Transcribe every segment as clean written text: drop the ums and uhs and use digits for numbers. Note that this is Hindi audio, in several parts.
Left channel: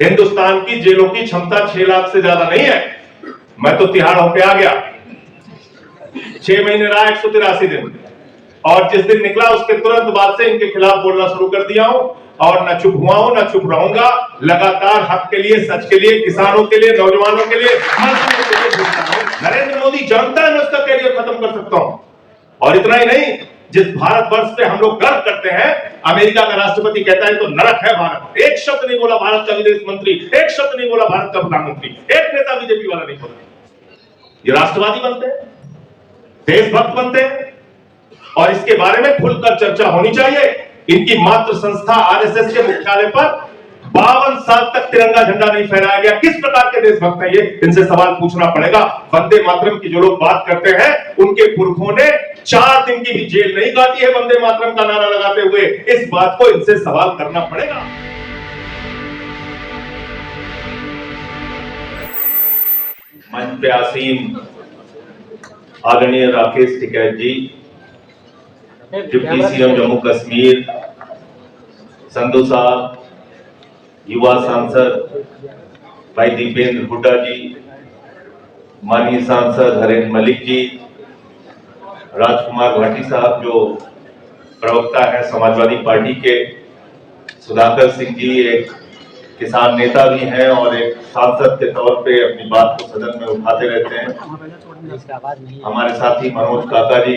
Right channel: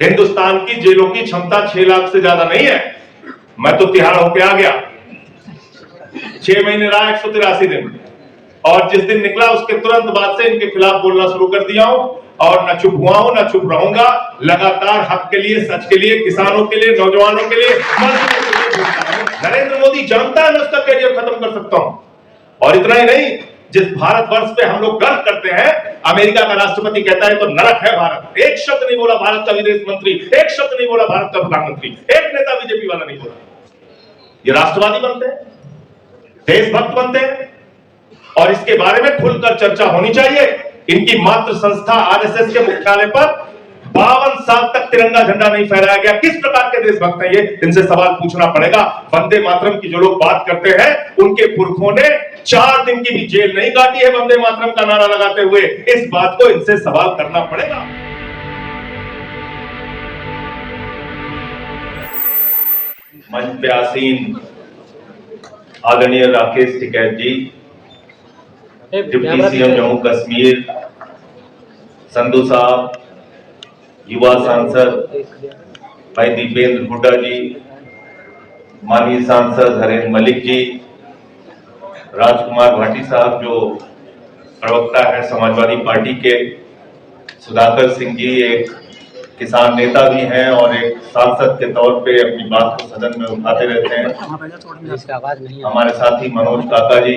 हिंदुस्तान की जेलों की क्षमता 6 लाख से ज्यादा नहीं है। मैं तो तिहाड़ होके आ गया, 6 महीने रहा, 183 दिन, और जिस दिन निकला उसके तुरंत बाद से इनके खिलाफ बोलना शुरू कर दिया हूं, और न चुप हुआ हूं, न चुप रहूंगा। लगातार हक के लिए, सच के लिए, किसानों के लिए, नौजवानों के लिए, मजदूरों के लिए बोलता हूं। नरेंद्र मोदी जानता है मैं उसका कैरियर खत्म कर सकता हूं। और इतना ही नहीं, जिस भारतवर्ष पे हम लोग गर्व करते हैं, अमेरिका का राष्ट्रपति कहता है तो नरक है भारत। एक शब्द नहीं बोला भारत का विदेश मंत्री, एक शब्द नहीं बोला भारत का प्रधानमंत्री, एक नेता बीजेपी वाला नहीं बोला। ये राष्ट्रवादी बनते हैं, देशभक्त बनते हैं, और इसके बारे में खुलकर चर्चा होनी चाहिए। इनकी मातृ संस्था आरएसएस के मुख्यालय पर 52 साल तक तिरंगा झंडा नहीं फहराया गया। किस प्रकार के देशभक्त हैं ये? इनसे सवाल पूछना पड़ेगा। वंदे मातरम की जो लोग बात करते हैं, उनके पुरखों ने 4 दिन की भी जेल नहीं काटी है वंदे मातरम का नारा लगाते हुए। इस बात को इनसे सवाल करना पड़ेगा। मंच पे आसीन आदरणीय राकेश टिकैत जी, डिप्टी सीएम जम्मू कश्मीर, संधू साहब, युवा सांसद भाई दीपेंद्र हुड्डा जी, माननीय सांसद हरेंद्र मलिक जी, राजकुमार भाटी साहब जो प्रवक्ता है समाजवादी पार्टी के, सुधाकर सिंह जी एक किसान नेता भी हैं और एक सांसद के तौर पे अपनी बात को सदन में उठाते रहते हैं। हमारे साथी मनोज काका जी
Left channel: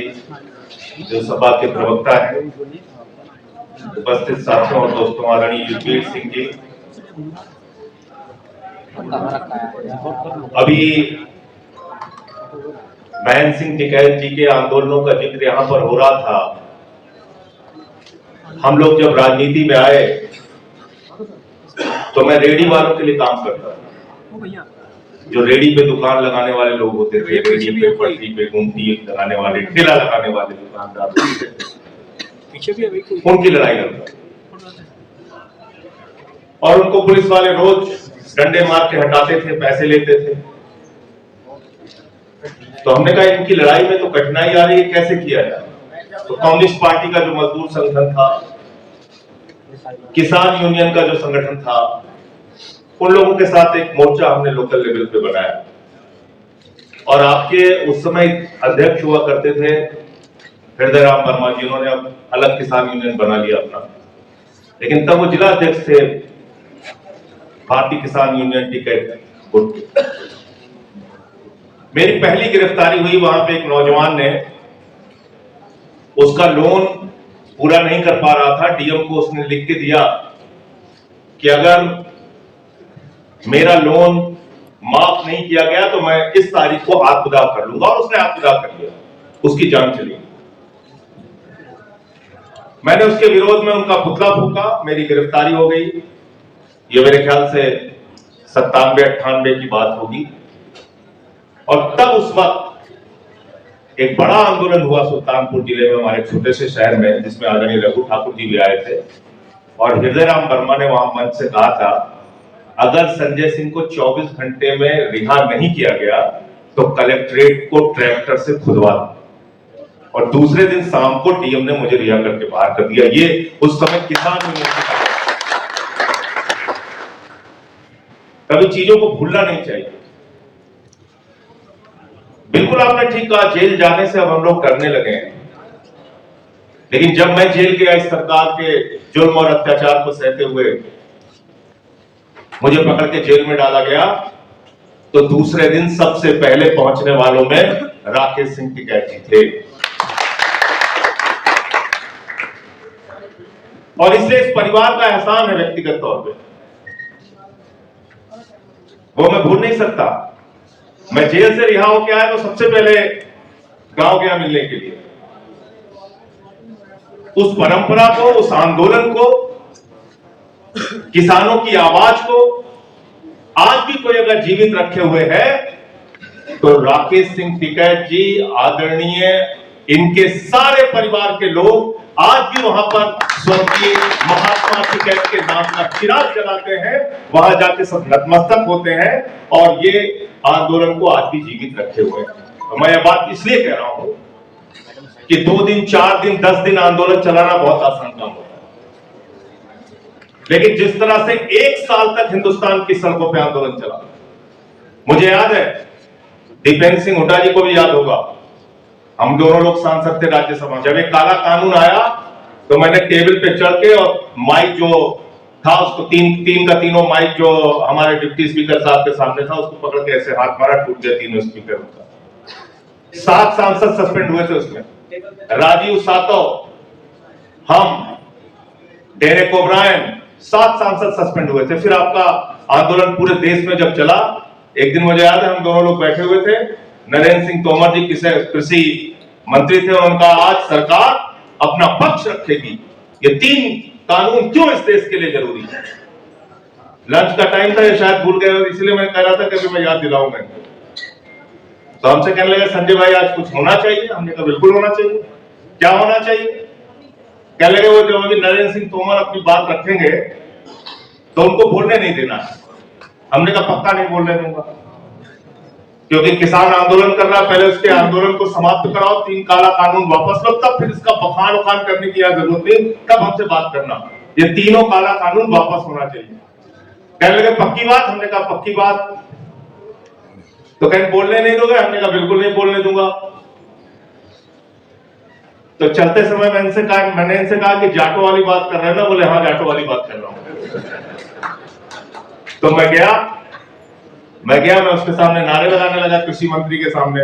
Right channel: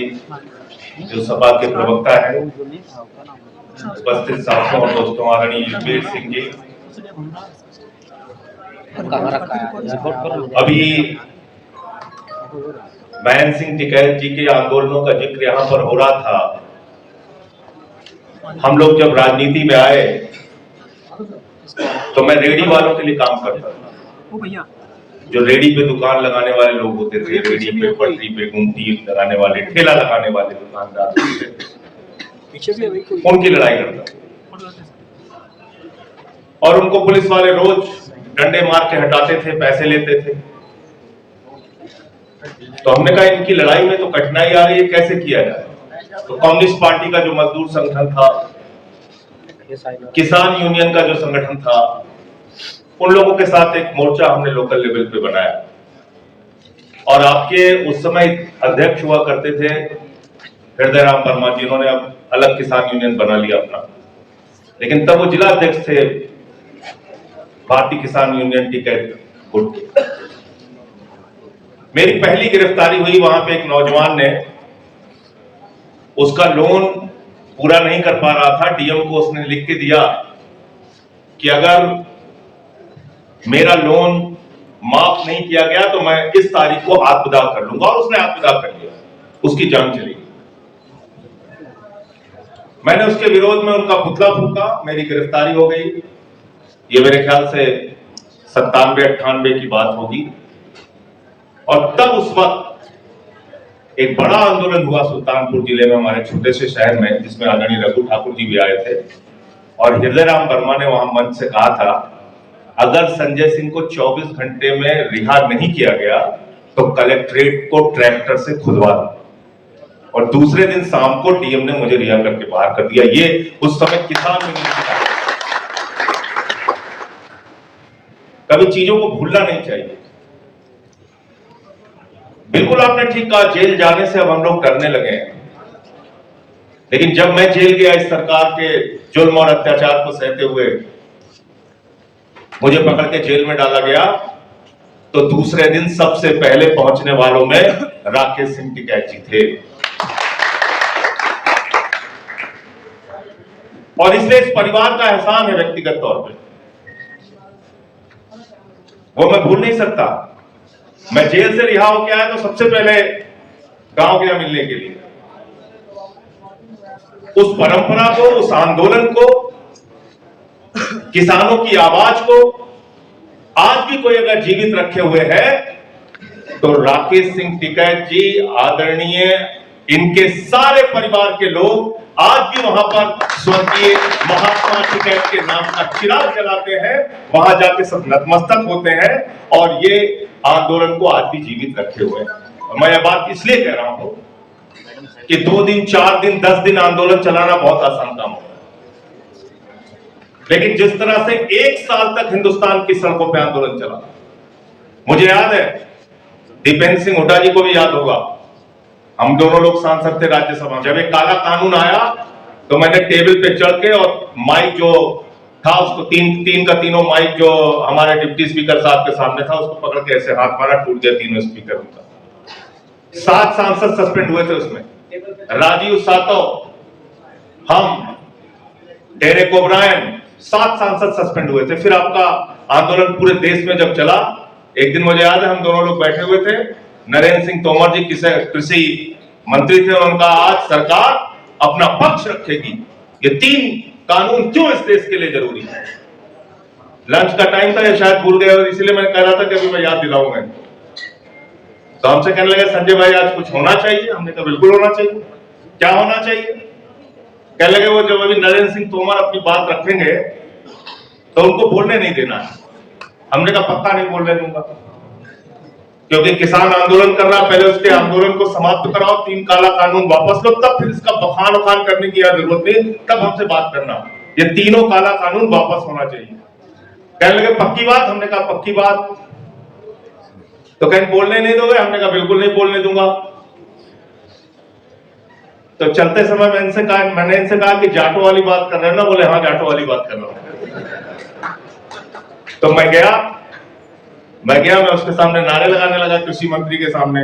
जो सभा के प्रवक्ता हैं, उपस्थित साथियों और दोस्तों, आदरणीय युद्धवीर सिंह जी। अभी महेंद्र सिंह टिकैत जी के आंदोलनों का जिक्र यहाँ पर हो रहा था। हम लोग जब राजनीति में आए तो मैं रेडी वालों के लिए काम करता था। जो रेडी पे दुकान लगाने वाले लोग होते थे, रेडी पे पटरी पे गुमटी लगाने वाले, ठेला लगाने वाले दुकानदार होते थे, उनकी लड़ाई करता और उनको पुलिस वाले रोज डंडे मार के हटाते थे, पैसे लेते थे। तो हमने कहा इनकी लड़ाई में तो कठिनाई आ रही है, कैसे किया जाए? तो कम्युनिस्ट पार्टी का जो मजदूर संगठन था, किसान यूनियन का जो संगठन था, उन लोगों के साथ एक मोर्चा हमने लोकल लेवल पे बनाया। और आपके उस समय अध्यक्ष हुआ करते थे हृदय राम वर्मा जी, उन्होंने अब अलग किसान यूनियन बना लिया अपना, लेकिन तब वो जिला अध्यक्ष थे भारतीय किसान यूनियन टिकैत गुट के। मेरी पहली गिरफ्तारी हुई, वहां पे एक नौजवान ने उसका लोन पूरा नहीं कर पा रहा था, डीएम को उसने लिख के दिया कि अगर मेरा लोन माफ नहीं किया गया तो मैं इस तारीख को आत्मदाह कर लूंगा, और उसने आत्मदाह कर लिया, उसकी जान चली। मैंने उसके विरोध में उनका पुतला फूंका, मेरी गिरफ्तारी हो गई। ये मेरे ख्याल से 97-98 की बात होगी। और तब उस वक्त एक बड़ा आंदोलन हुआ सुल्तानपुर जिले में, हमारे छोटे से शहर में, जिसमें आदरणीय रघु ठाकुर जी भी आए थे। और हृदय राम वर्मा ने वहां मंच से कहा था, अगर संजय सिंह को 24 घंटे में रिहा नहीं किया गया तो कलेक्ट्रेट को ट्रैक्टर से खुदवा दो। और दूसरे दिन शाम को डीएम ने मुझे रिहा करके बाहर कर दिया। ये उस समय किसान यूनियन की बात। कभी चीजों को भूलना नहीं चाहिए। बिल्कुल आपने ठीक कहा, जेल जाने से अब हम लोग डरने लगे हैं, लेकिन जब मैं जेल गया इस सरकार के जुल्म और अत्याचार को सहते हुए, मुझे पकड़ के जेल में डाला गया, तो दूसरे दिन सबसे पहले पहुंचने वालों में राकेश सिंह टिकैत जी थे। और इसलिए इस परिवार का एहसान है व्यक्तिगत तौर पे, वो मैं भूल नहीं सकता। मैं जेल से रिहा होकर आया तो सबसे पहले गांव गया मिलने के लिए। उस परंपरा को, उस आंदोलन को, किसानों की आवाज को आज भी कोई अगर जीवित रखे हुए है तो राकेश सिंह टिकैत जी, आदरणीय इनके सारे परिवार के लोग आज भी वहां पर स्वर्गीय महात्मा टिकैत के नाम का चिराग जलाते हैं, वहां जाके सब नतमस्तक होते हैं और ये आंदोलन को आज भी जीवित रखे हुए हैं। मैं यह बात इसलिए कह रहा हूं कि 2 दिन, 4 दिन, 10 दिन आंदोलन चलाना बहुत आसान काम होता है, लेकिन जिस तरह से 1 साल तक हिंदुस्तान की सड़कों पे आंदोलन चला, मुझे याद है, दीपेंद्र सिंह हुड्डा जी को भी याद होगा, हम दोनों लोग सांसद थे राज्यसभा में। जब एक काला कानून आया तो मैंने टेबल पे चढ़ के और माइक जो था उसको तीन का तीनों माइक जो हमारे डिप्टी स्पीकर साहब के सामने था उसको पकड़ के ऐसे हाथ मारा, टूट गया तीनों स्पीकर उनका। 7 सांसद सस्पेंड हुए थे उसमें, राजीव सातव, हम, डेरेक ओब्रायन, 7 सांसद सस्पेंड हुए थे। फिर आपका आंदोलन पूरे देश में जब चला, एक दिन मुझे याद है हम दोनों लोग बैठे हुए थे, नरेंद्र सिंह तोमर जी कृषि मंत्री थे, उनका आज सरकार अपना पक्ष रखेगी, ये 3 कानून क्यों इस देश के लिए जरूरी है। लंच का टाइम था, ये शायद भूल गए और इसलिए मैं कह रहा था कि अभी मैं याद दिलाऊंगा। तो हमसे कहने लगे संजय भाई आज कुछ होना चाहिए। हमने कहा बिल्कुल होना चाहिए। क्या होना चाहिए? कहने लगे वो जब अभी नरेंद्र सिंह तोमर अपनी बात रखेंगे तो उनको बोलने नहीं देना है। हमने कहा पक्का नहीं बोलने दूंगा, क्योंकि किसान आंदोलन कर रहा है, पहले उसके आंदोलन को समाप्त कराओ, 3 काला कानून वापस लो, तब फिर इसका बखान उखान करने की जरूरत नहीं, तब हमसे बात करना। ये तीनों काला कानून वापस होना चाहिए। कहने लगे पक्की बात? हमने कहा पक्की बात। तो कहीं बोलने नहीं दोगे? हमने कहा बिल्कुल नहीं बोलने दूंगा। तो चलते समय मैंने इनसे कहा कि जाटो वाली बात कर रहे हैं ना? बोले हाँ जाटो वाली बात कर रहा हूं। तो मैं गया मैं उसके सामने नारे लगाने लगा, कृषि मंत्री के सामने।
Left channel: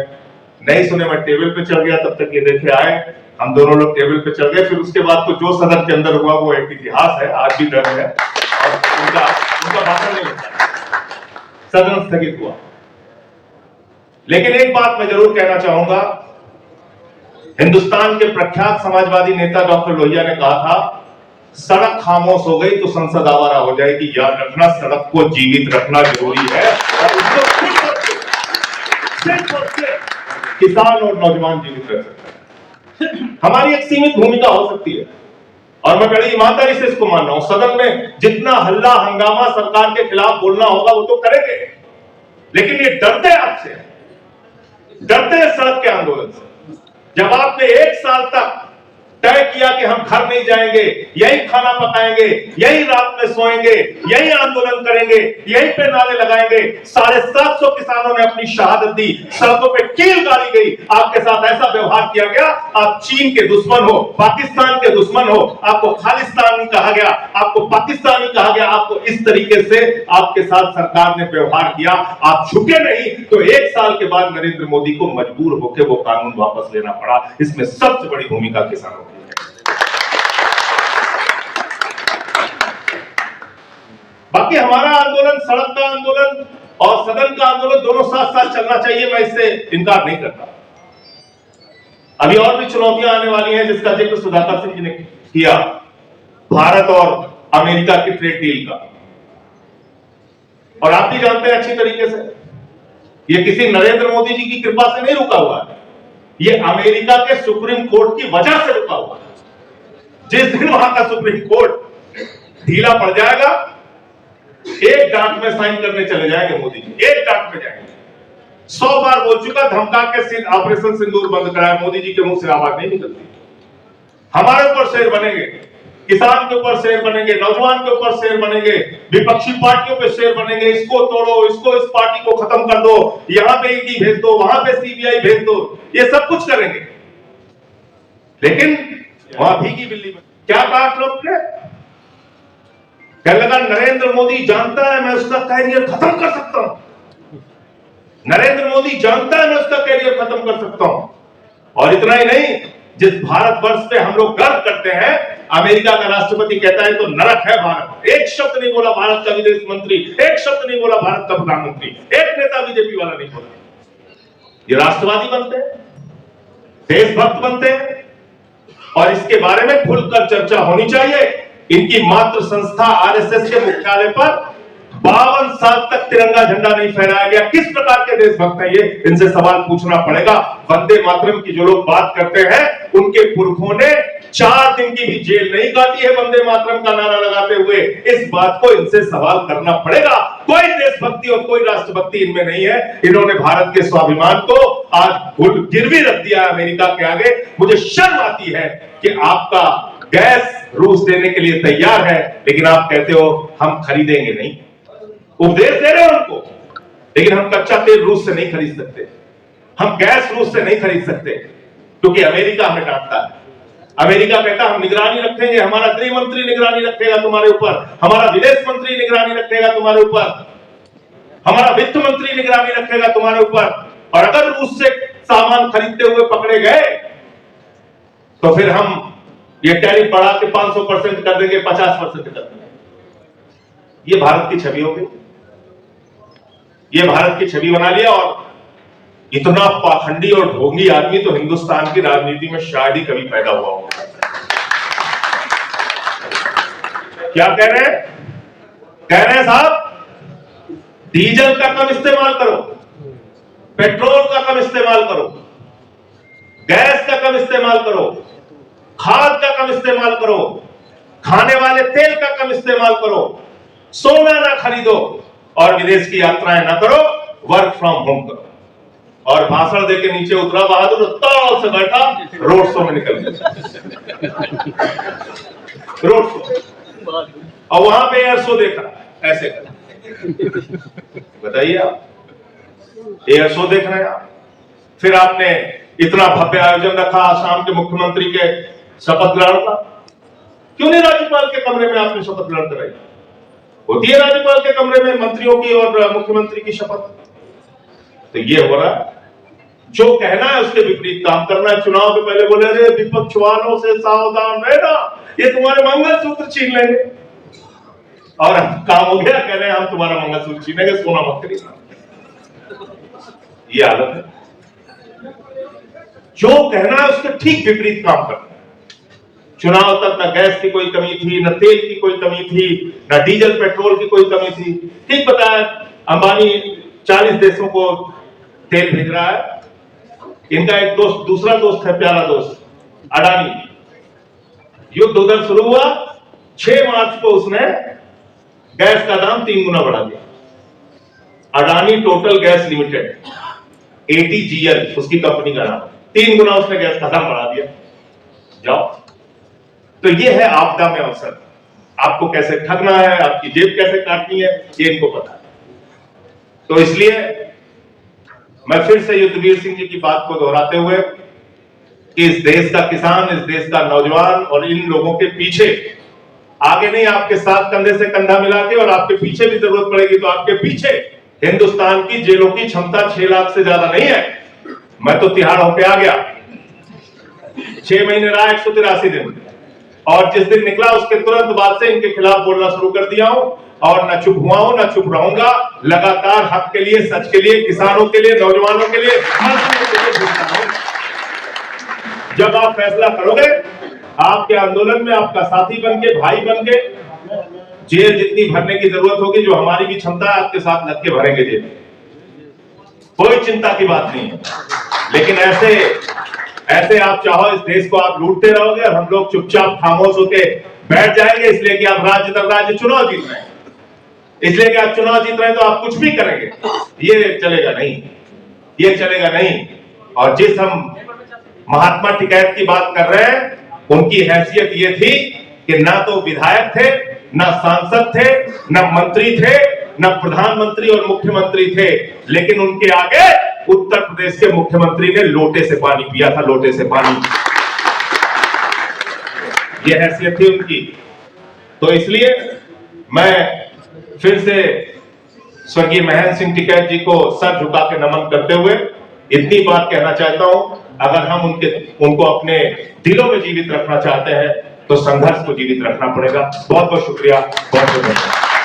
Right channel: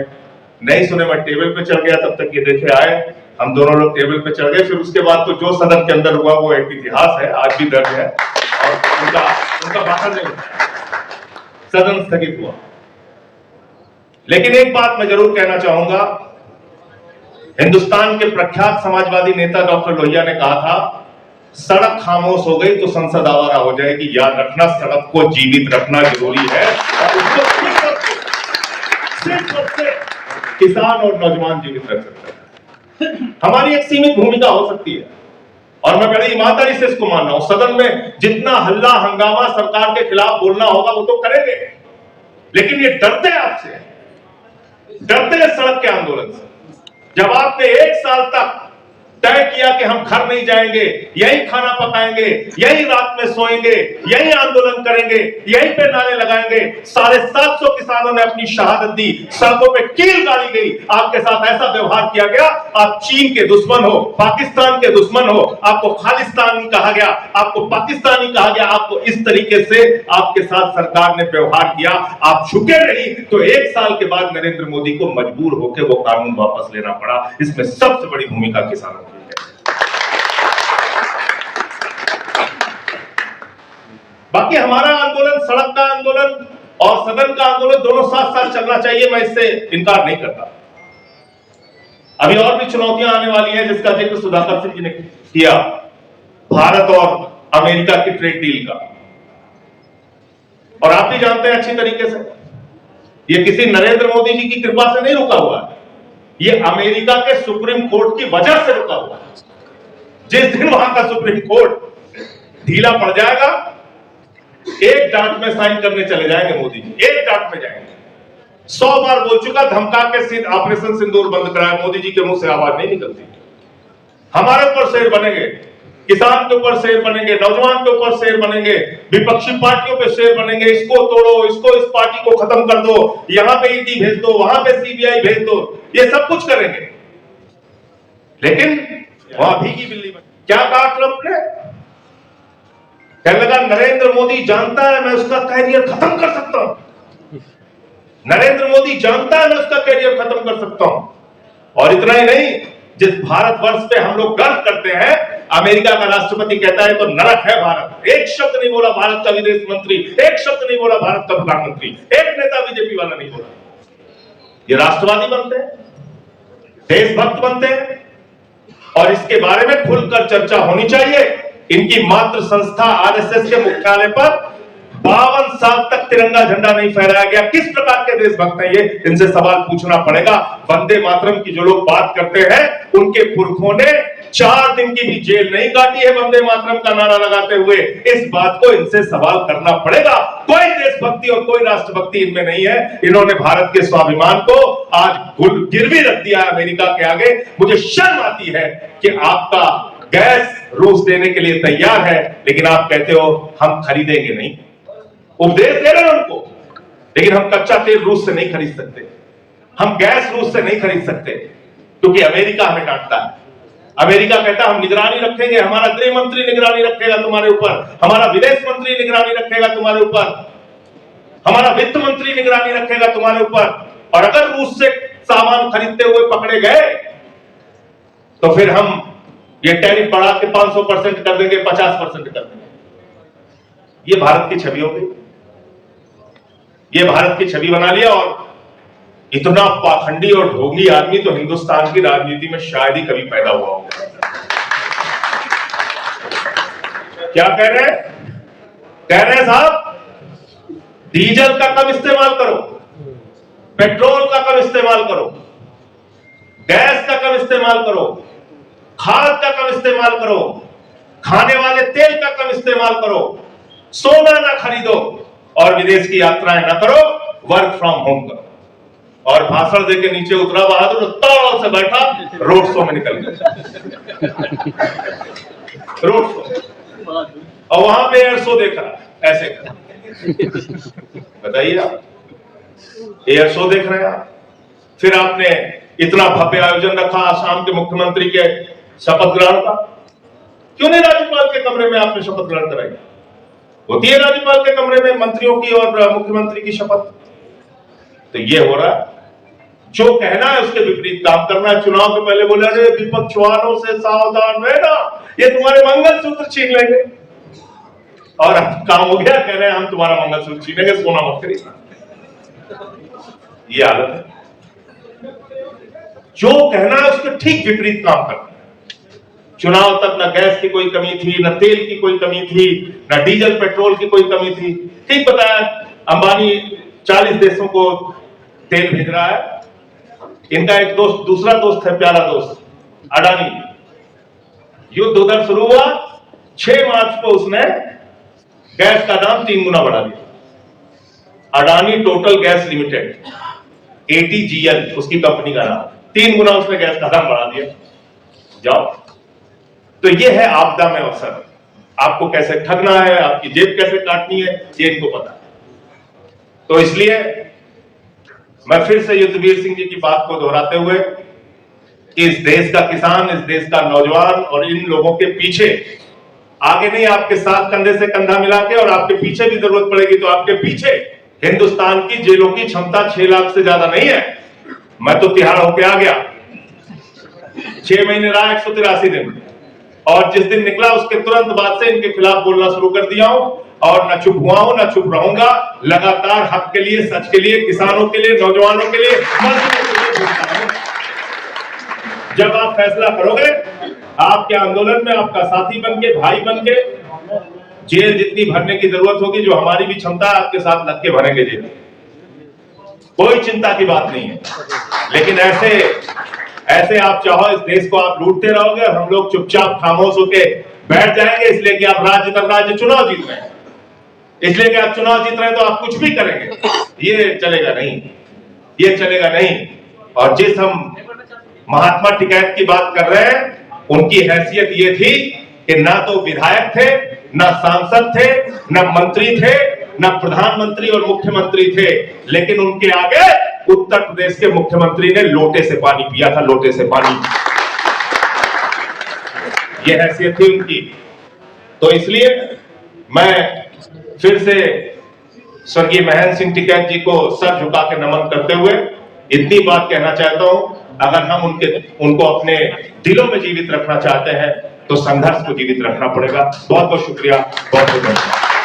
नहीं सुने, मैं टेबल पे चढ़ गया, तब तक ये देखे आए, हम दोनों लोग टेबल पे चढ़ गए। फिर उसके बाद तो जो सदन के अंदर हुआ वो एक इतिहास है, आज भी दर्ज है और उनका भाषण नहीं होता, सदन स्थगित हुआ। लेकिन एक बात मैं जरूर कहना चाहूंगा, हिंदुस्तान के प्रख्यात समाजवादी नेता डॉक्टर लोहिया ने कहा था, सड़क खामोश हो गई तो संसद आवारा हो जाएगी। याद रखना, सड़क को जीवित रखना जरूरी है और उसको सिर्फ और सिर्फ किसान और नौजवान जीवित रख सकते हैं। हमारी एक सीमित भूमिका हो सकती है और मैं बड़ी ईमानदारी से इसको मान रहा हूं। सदन में जितना हल्ला हंगामा सरकार के खिलाफ बोलना होगा वो तो करेंगे, लेकिन ये डरते आपसे, डरते हैं सड़क के आंदोलन से। जब आपने 1 साल तक तय किया कि हम घर नहीं जाएंगे, यही खाना पकाएंगे, यही रात में सोएंगे, यही आंदोलन करेंगे, यही पे नारे लगाएंगे, 750 किसानों ने अपनी शहादत दी, सड़कों पे कील गाड़ी गई, आपके साथ ऐसा व्यवहार किया गया, आप चीन के दुश्मन हो, पाकिस्तान के दुश्मन हो, आपको खालिस्तानी कहा गया, आपको पाकिस्तानी कहा गया, आपको इस तरीके से आपके साथ सरकार ने व्यवहार किया, आप झुके नहीं। तो 1 साल के बाद नरेंद्र मोदी को मजबूर होकर वो कानून वापस लेना पड़ा। इसमें सबसे बड़ी भूमिका किसानों की है। बाकी हमारा आंदोलन, सड़क का आंदोलन और सदन का आंदोलन दोनों साथ साथ चलना चाहिए, मैं इससे इनकार नहीं करता। अभी और भी चुनौतियां आने वाली हैं जिसका जिक्र सुधाकर सिंह जी ने किया, भारत और अमेरिका की ट्रेड डील का। और आप भी जानते हैं अच्छी तरीके से, ये किसी नरेंद्र मोदी जी की कृपा से नहीं रुका हुआ है, ये अमेरिका के सुप्रीम कोर्ट की वजह से रुका हुआ है। जिस दिन वहां का सुप्रीम कोर्ट ढीला पड़ जाएगा, एक डांट में साइन करने चले जाएंगे मोदी जी, एक डांट में जाएंगे। 100 बार बोल चुका, धमका के ऑपरेशन सिंदूर बंद कराया, मोदी जी के मुंह से आवाज नहीं निकलती। हमारे ऊपर शेर बनेंगे, किसान के ऊपर शेर बनेंगे, नौजवान के ऊपर शेर बनेंगे, विपक्षी पार्टियों पे शेर बनेंगे, इसको तोड़ो, इसको, इस पार्टी को खत्म कर दो, यहां पे ईडी भेज दो, वहां पे सीबीआई भेज दो, ये सब कुछ करेंगे। लेकिन वहां भीगी बिल्ली बन। क्या कहा ट्रंप ने? कहने लगा नरेंद्र मोदी जानता है मैं उसका कैरियर खत्म कर सकता हूं, नरेंद्र मोदी जानता है मैं उसका कैरियर खत्म कर सकता हूं। और इतना ही नहीं, जिस भारतवर्ष पे हम लोग गर्व करते हैं, अमेरिका का राष्ट्रपति कहता है तो नरक है भारत। एक शब्द नहीं बोला भारत का विदेश मंत्री, एक शब्द नहीं बोला भारत का प्रधानमंत्री, एक नेता बीजेपी वाला नहीं बोला। ये राष्ट्रवादी बनते हैं, देशभक्त बनते हैं और इसके बारे में खुलकर चर्चा होनी चाहिए। इनकी मातृ संस्था आरएसएस के मुख्यालय पर 52 साल तक तिरंगा झंडा नहीं फहराया गया। किस प्रकार के देशभक्त हैं ये? इनसे सवाल पूछना पड़ेगा। वंदे मातरम की जो लोग बात करते हैं, उनके पुरखों ने 4 दिन की भी जेल नहीं काटी है वंदे मातरम का नारा लगाते हुए। इस बात को इनसे सवाल करना पड़ेगा। कोई देशभक्ति और कोई राष्ट्रभक्ति इनमें नहीं है। इन्होंने भारत के स्वाभिमान को आज गिरवी रख दिया है अमेरिका के आगे। मुझे शर्म आती है कि आपका गैस रूस देने के लिए तैयार है, लेकिन आप कहते हो हम खरीदेंगे नहीं। उपदेश दे रहे हो उनको, लेकिन हम कच्चा तेल रूस से नहीं खरीद सकते, हम गैस रूस से नहीं खरीद सकते, क्योंकि अमेरिका हमें डांटता है। अमेरिका कहता है हम निगरानी रखेंगे, हमारा गृह मंत्री निगरानी रखेगा तुम्हारे ऊपर, हमारा विदेश मंत्री निगरानी रखेगा तुम्हारे ऊपर, हमारा वित्त मंत्री निगरानी रखेगा तुम्हारे ऊपर, और अगर रूस से सामान खरीदते हुए पकड़े गए तो फिर हम ये टैरिफ बढ़ा के 500% कर देंगे, 50% कर देंगे। ये भारत की छवि होगी, ये भारत की छवि बना लिया। और इतना पाखंडी और ढोंगी आदमी तो हिंदुस्तान की राजनीति में शायद ही कभी पैदा हुआ होगा। क्या कह रहे हैं? कह रहे हैं साहब डीजल का कम इस्तेमाल करो, पेट्रोल का कम इस्तेमाल करो, गैस का कम इस्तेमाल करो, खाद का कम इस्तेमाल करो, खाने वाले तेल का कम इस्तेमाल करो, सोना ना खरीदो और विदेश की यात्राएं ना करो, वर्क फ्रॉम होम करो। और भाषण देके नीचे उतरा बहादुर, तौल से बैठा, रोड शो में निकल गया, रोड शो, और वहां पे एयर शो देख रहा है ऐसे कर। बताइए आप, एयर शो देख रहे हैं आप। फिर आपने इतना भव्य आयोजन रखा आसाम के मुख्यमंत्री के शपथ ग्रहण का, क्यों नहीं राज्यपाल के कमरे में आपने शपथ ग्रहण कराई? होती है राज्यपाल के कमरे में मंत्रियों की और मुख्यमंत्री की शपथ। तो ये हो रहा है, जो कहना है उसके विपरीत काम करना है। चुनाव के पहले बोले अरे विपक्ष वालों से सावधान रहना, ये तुम्हारे मंगलसूत्र छीन लेंगे, और अब काम हो गया, कह रहे हैं हम तुम्हारा मंगलसूत्र छीनेंगे, सोना मत खरीदना। ये हालत है, जो कहना है उसके ठीक विपरीत काम करना है। चुनाव तक न गैस की कोई कमी थी, न तेल की कोई कमी थी, न डीजल पेट्रोल की कोई कमी थी। ठीक बताया, अंबानी 40 देशों को तेल भेज रहा है। इनका एक दोस्त, दूसरा दोस्त है, प्यारा दोस्त अडानी, युद्ध उधर शुरू हुआ, 6 मार्च को उसने गैस का दाम 3 गुना बढ़ा दिया। Adani total gas limited, ATGL उसकी कंपनी का नाम, 3 गुना उसने गैस का दाम बढ़ा दिया। जाओ, तो ये है आपदा में अवसर। आपको कैसे ठगना है, आपकी जेब कैसे काटनी है, ये इनको पता है। तो इसलिए मैं फिर से युद्धवीर सिंह जी की बात को दोहराते हुए कि इस देश का किसान, इस देश का नौजवान और इन लोगों के पीछे, आगे नहीं आपके साथ कंधे से कंधा मिला के, और आपके पीछे भी जरूरत पड़ेगी तो आपके पीछे हिंदुस्तान की जेलों की क्षमता 6 लाख से ज्यादा नहीं है। मैं तो तिहाड़ होके आ गया, 6 महीने रहा, 183 दिन, और जिस दिन निकला उसके तुरंत बाद से इनके खिलाफ बोलना शुरू कर दिया हूं, और न चुप हुआ हूं, न चुप रहूंगा। लगातार हक के लिए, सच के लिए, किसानों के लिए, नौजवानों के लिए, मजदूरों के लिए बोलता हूं। जब आप फैसला करोगे, आपके आंदोलन में आपका साथी बन के, भाई बन के, जेल जितनी भरने की जरूरत होगी, जो हमारी भी क्षमता है, आपके साथ लग के भरेंगे जेल, कोई चिंता की बात नहीं है। लेकिन ऐसे आप चाहो इस देश को आप लूटते रहोगे और हम लोग चुपचाप खामोश होके बैठ जाएंगे, इसलिए कि आप राज्य दर राज्य चुनाव जीत रहे हैं, इसलिए कि आप चुनाव जीत रहे हैं तो आप कुछ भी करेंगे। ये चलेगा नहीं, ये चलेगा नहीं। और जिस हम महात्मा टिकैत की बात कर रहे हैं, उनकी हैसियत ये थी कि ना तो विधायक थे, ना सांसद थे, ना मंत्री थे, ना प्रधानमंत्री और मुख्यमंत्री थे, लेकिन उनके आगे उत्तर प्रदेश के मुख्यमंत्री ने लोटे से पानी पिया था, लोटे से पानी। यह हैसियत थी उनकी। तो इसलिए मैं फिर से स्वर्गीय महेंद्र सिंह टिकैत जी को सर झुका के नमन करते हुए इतनी बात कहना चाहता हूं, अगर हम उनको अपने दिलों में जीवित रखना चाहते हैं तो संघर्ष को जीवित रखना पड़ेगा। बहुत बहुत शुक्रिया, बहुत बहुत धन्यवाद।